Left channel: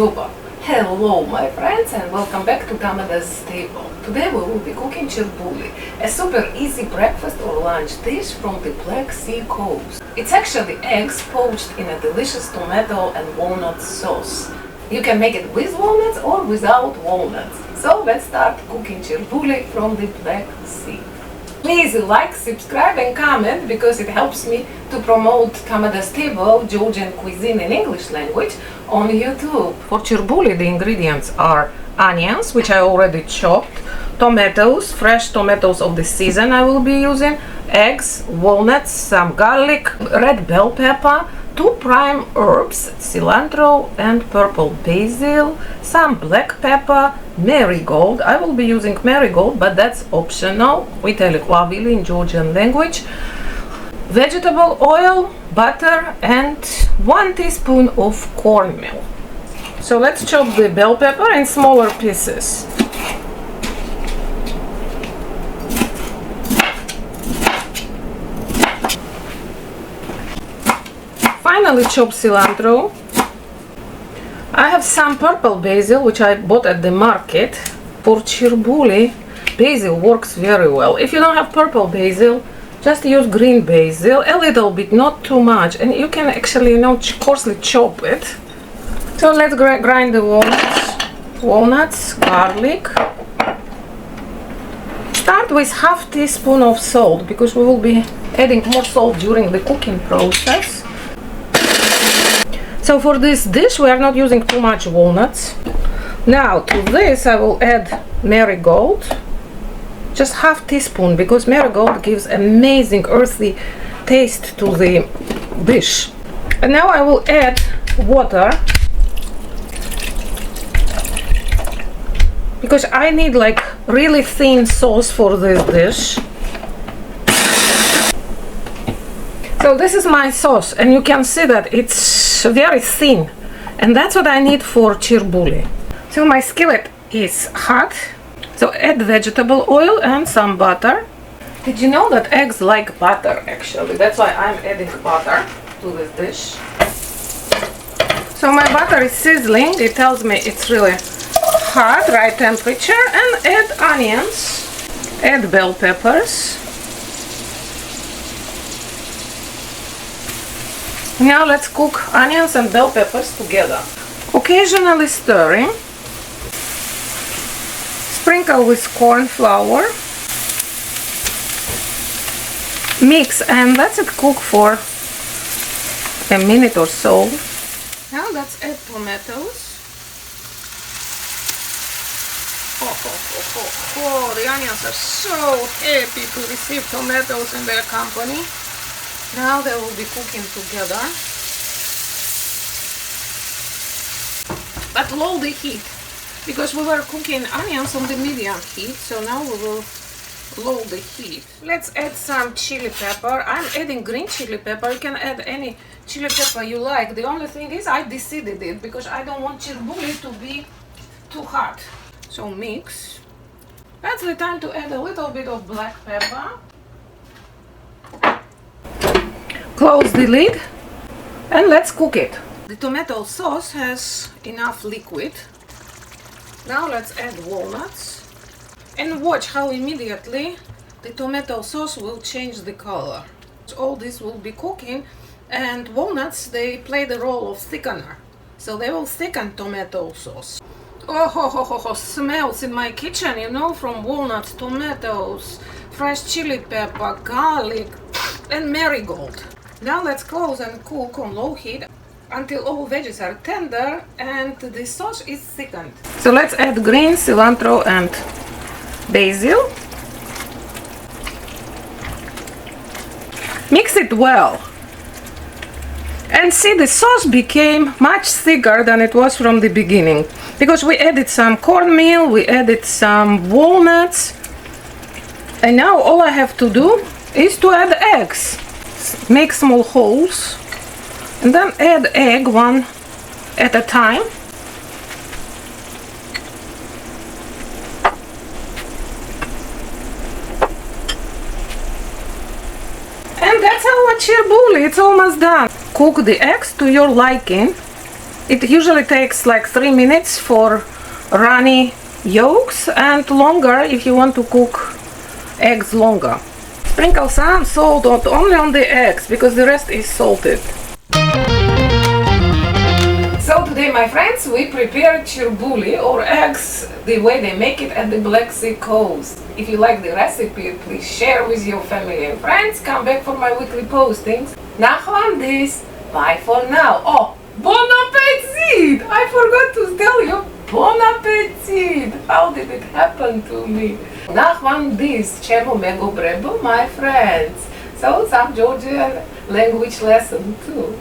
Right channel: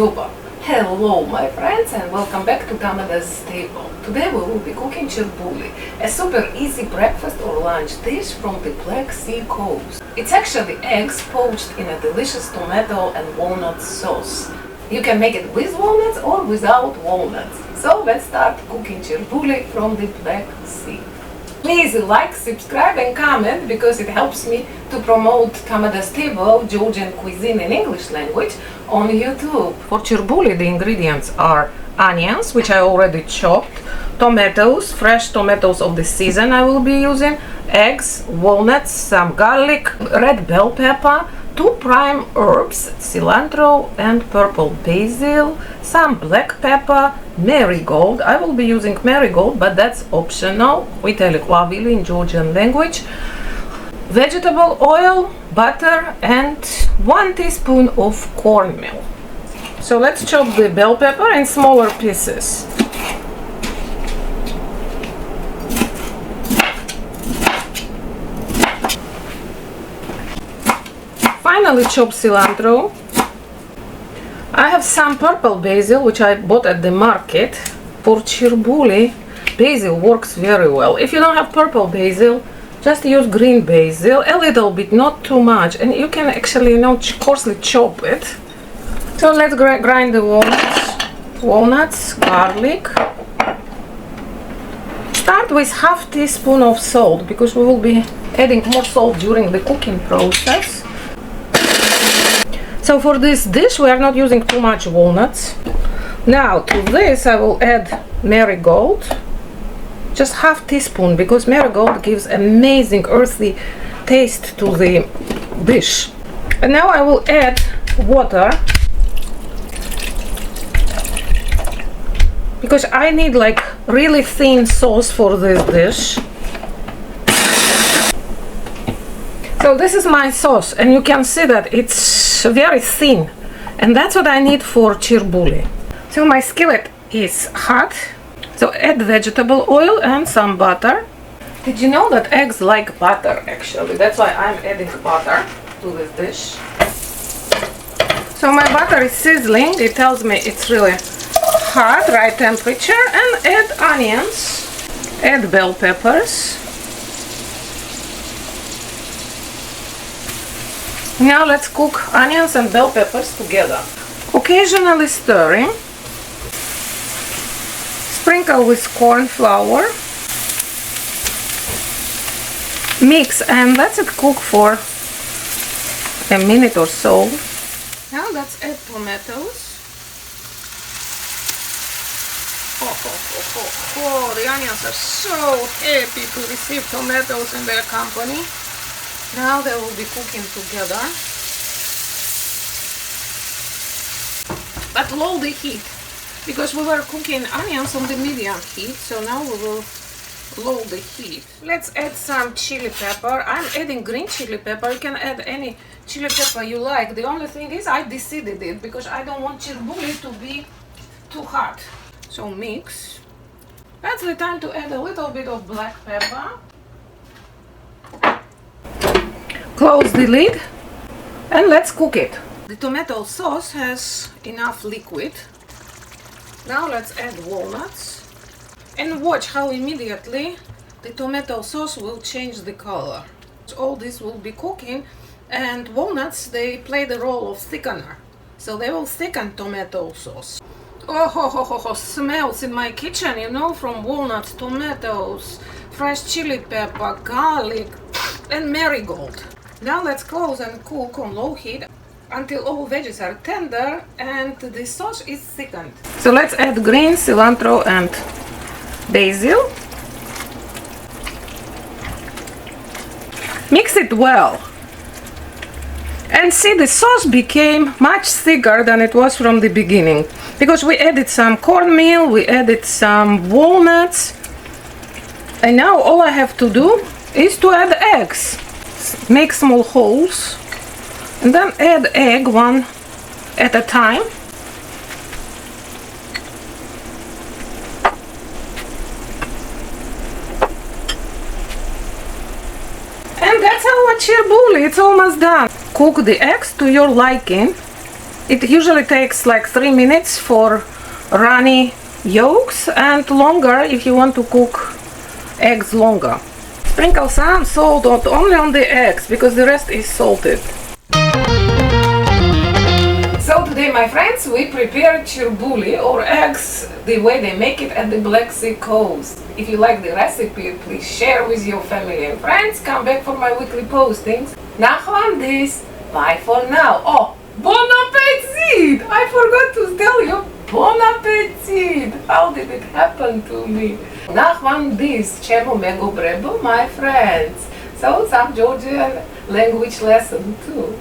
Shakshuka. Hello my friends and welcome back to Canada's table. Today we will be cooking chirbuli, a super easy breakfast or lunch dish from the Black Sea coast. It's actually eggs poached in a delicious tomato and walnut sauce. You can make it with walnuts or without walnuts. So let's start cooking chirbuli from the Black Sea. Please like, subscribe and comment because it helps me to promote Canada's table, Georgian cuisine in English language on YouTube. For chirbuli the ingredients are onions, which I already chopped, tomatoes, fresh tomatoes of the season I will be using, eggs, walnuts, some garlic, red bell pepper, 2 prime herbs, cilantro and purple basil, some black pepper, marigold. I will be using marigold, but that's optional. We tell it wavili in Georgian language. Vegetable oil, butter and 1 teaspoon of cornmeal. So let's chop the bell pepper in smaller pieces. Finally chop cilantro. I have some purple basil which I bought at the market. For chirbuli, basil works very well. If you don't have purple basil, just use green basil, a little bit, not too much, and you can actually, coarsely chop it. So let's grind the walnuts, garlic. Start with half teaspoon of salt because we will be adding more salt during the cooking process. So for this dish we are not using too much walnuts. Now to this I will add marigold. Just half teaspoon because marigold gives amazing earthy taste to the dish. And now I will add water because I need like really thin sauce for this dish. So this is my sauce and you can see that it's very thin and that's what I need for chirbuli. So my skillet is hot. So add vegetable oil and some butter. Did you know that eggs like butter actually? That's why I'm adding butter to this dish. So my butter is sizzling. It tells me it's really hot, right temperature. And add onions. Add bell peppers. Now let's cook onions and bell peppers together. Occasionally stirring. Sprinkle with corn flour, mix and let it cook for a minute or so. Now let's add tomatoes. The onions are so happy to receive tomatoes in their company. Now they will be cooking together. But low the heat. Because we were cooking onions on the medium heat, so now we will lower the heat. Let's add some chili pepper. I'm adding green chili pepper. You can add any chili pepper you like. The only thing is I deseeded it because I don't want chirbuli to be too hot. So mix. That's the time to add a little bit of black pepper. Close the lid and let's cook it. The tomato sauce has enough liquid. Now let's add walnuts and watch how immediately the tomato sauce will change the color. All this will be cooking and walnuts, they play the role of thickener. So they will thicken tomato sauce. Smells in my kitchen, from walnuts, tomatoes, fresh chili pepper, garlic and marigold. Now let's close and cook on low heat until all veggies are tender and the sauce is thickened. So let's add green cilantro and basil. Mix it well. And see, the sauce became much thicker than it was from the beginning. Because we added some cornmeal, we added some walnuts. And now all I have to do is to add eggs. Make small holes. And then add egg one at a time. And that's our chirbuli, it's almost done. Cook the eggs to your liking. It usually takes like 3 minutes for runny yolks and longer if you want to cook eggs longer. Sprinkle some salt only on the eggs because the rest is salted. So today, my friends, we prepared chirbuli or eggs the way they make it at the Black Sea coast. If you like the recipe, please share with your family and friends. Come back for my weekly postings. Nachlandis. Bye for now. Oh, bon appetit! I forgot to tell you. Bon appetit! How did it happen to me? Nachlandis. Čemu megu brebu, my friends. So some Georgian language lesson too.